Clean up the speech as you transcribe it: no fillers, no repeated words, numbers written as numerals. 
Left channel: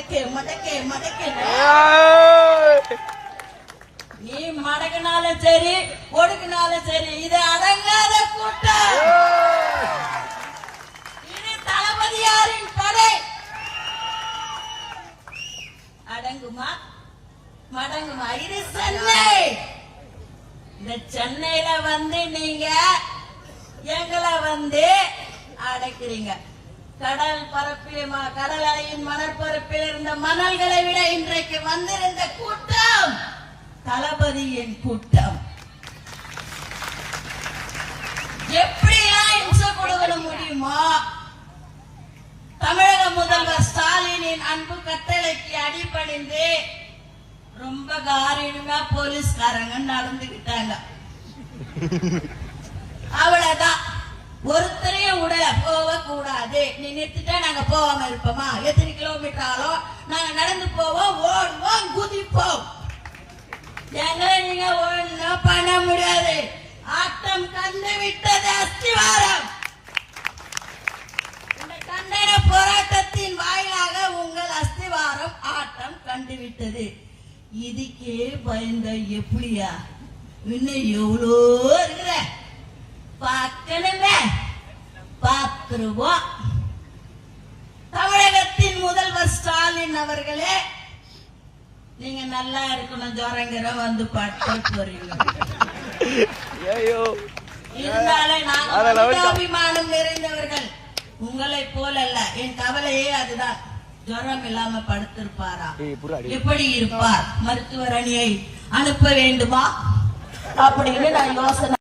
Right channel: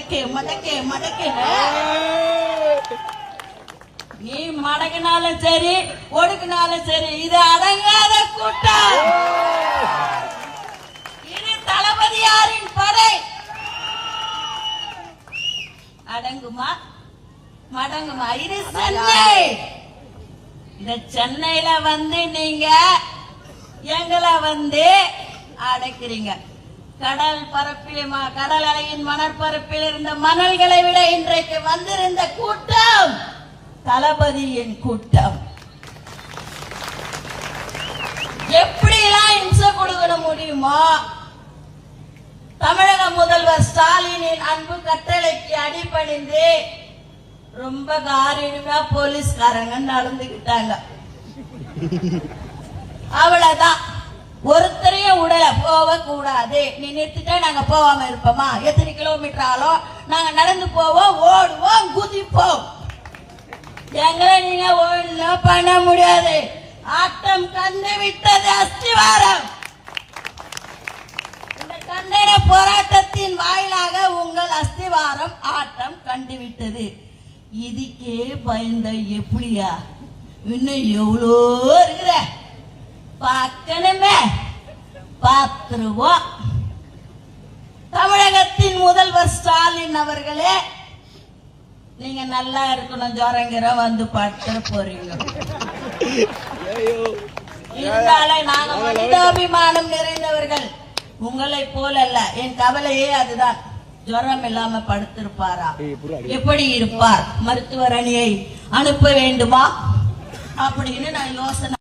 மடக்கு மடக்கு மடக்கு. நீ மடக்குனாலும் சரி ஒடுக்குனாலும் சரி இது அடங்காத கூட்டம். இது தளபதியாரின் படை. அடங்குமா மடங்குமா? இது சென்னை. இந்த சென்னையில வந்து நீங்க எங்களை வந்து அடைக்கிறீங்க. கடல் பரப்பில் கடல் அலையின் மணற்பரப்பில் இருந்த மணல்களை விட இன்றைக்கு வந்திருந்த கூட்டம் தளபதியின் கூட்டம். எப்படிலாம் இம்சை கொடுக்க முடியுமோ தமிழக முதல்வர் ஸ்டாலினின் அன்பு கட்டளைக்கு அடிபணிந்து ரொம்ப காரியமா போலீஸ்காரங்க நடந்துகிட்டாங்க. அவ்வளவுதான். ஒருத்தரையும் உடல போக கூடாது. நீ நிறுத்திட்டா நாங்க போகாம இருப்போமா? எத்தனை கிலோமீட்டர் ஆலும் நாங்க நடந்து போவோம், ஓடுவோம், குதிப்போம். எங்களை நீங்க ஓடுனா பண்ண முடியாது. ஆட்டம் கண்டு விட்டது அஸ்திவாரம். இந்த கண்டன போராட்டத்தின் வாயிலாக உங்கள் அஸ்திவாரம் ஆட்டம் கண்டுவிட்டது. இதுக்கே பயந்த எப்படியா? இன்னும் எவ்வளோ இருக்கிற பார்க்கணுமே, பார்த்துருவோம். தமிழகத்தின் முதல்வர் ஸ்டாலின் அவர்களே, நீங்க நல்லா இருக்கணும். ஜோரங்கிற வந்து பார்த்து போறீங்க. இருந்தாலே நாங்கள் மனிதாபிமானம் நிறைந்தவர்கள். உங்களை போல அல்ல. என் கவலையே அதுதான். ஜுரம் இல்லாம படுத்திருப்பாரா? எப்படி இருப்பார்? மருத்துவர் அணியை அனுப்ப வேண்டுமா அப்படின்னு நான் யோசனை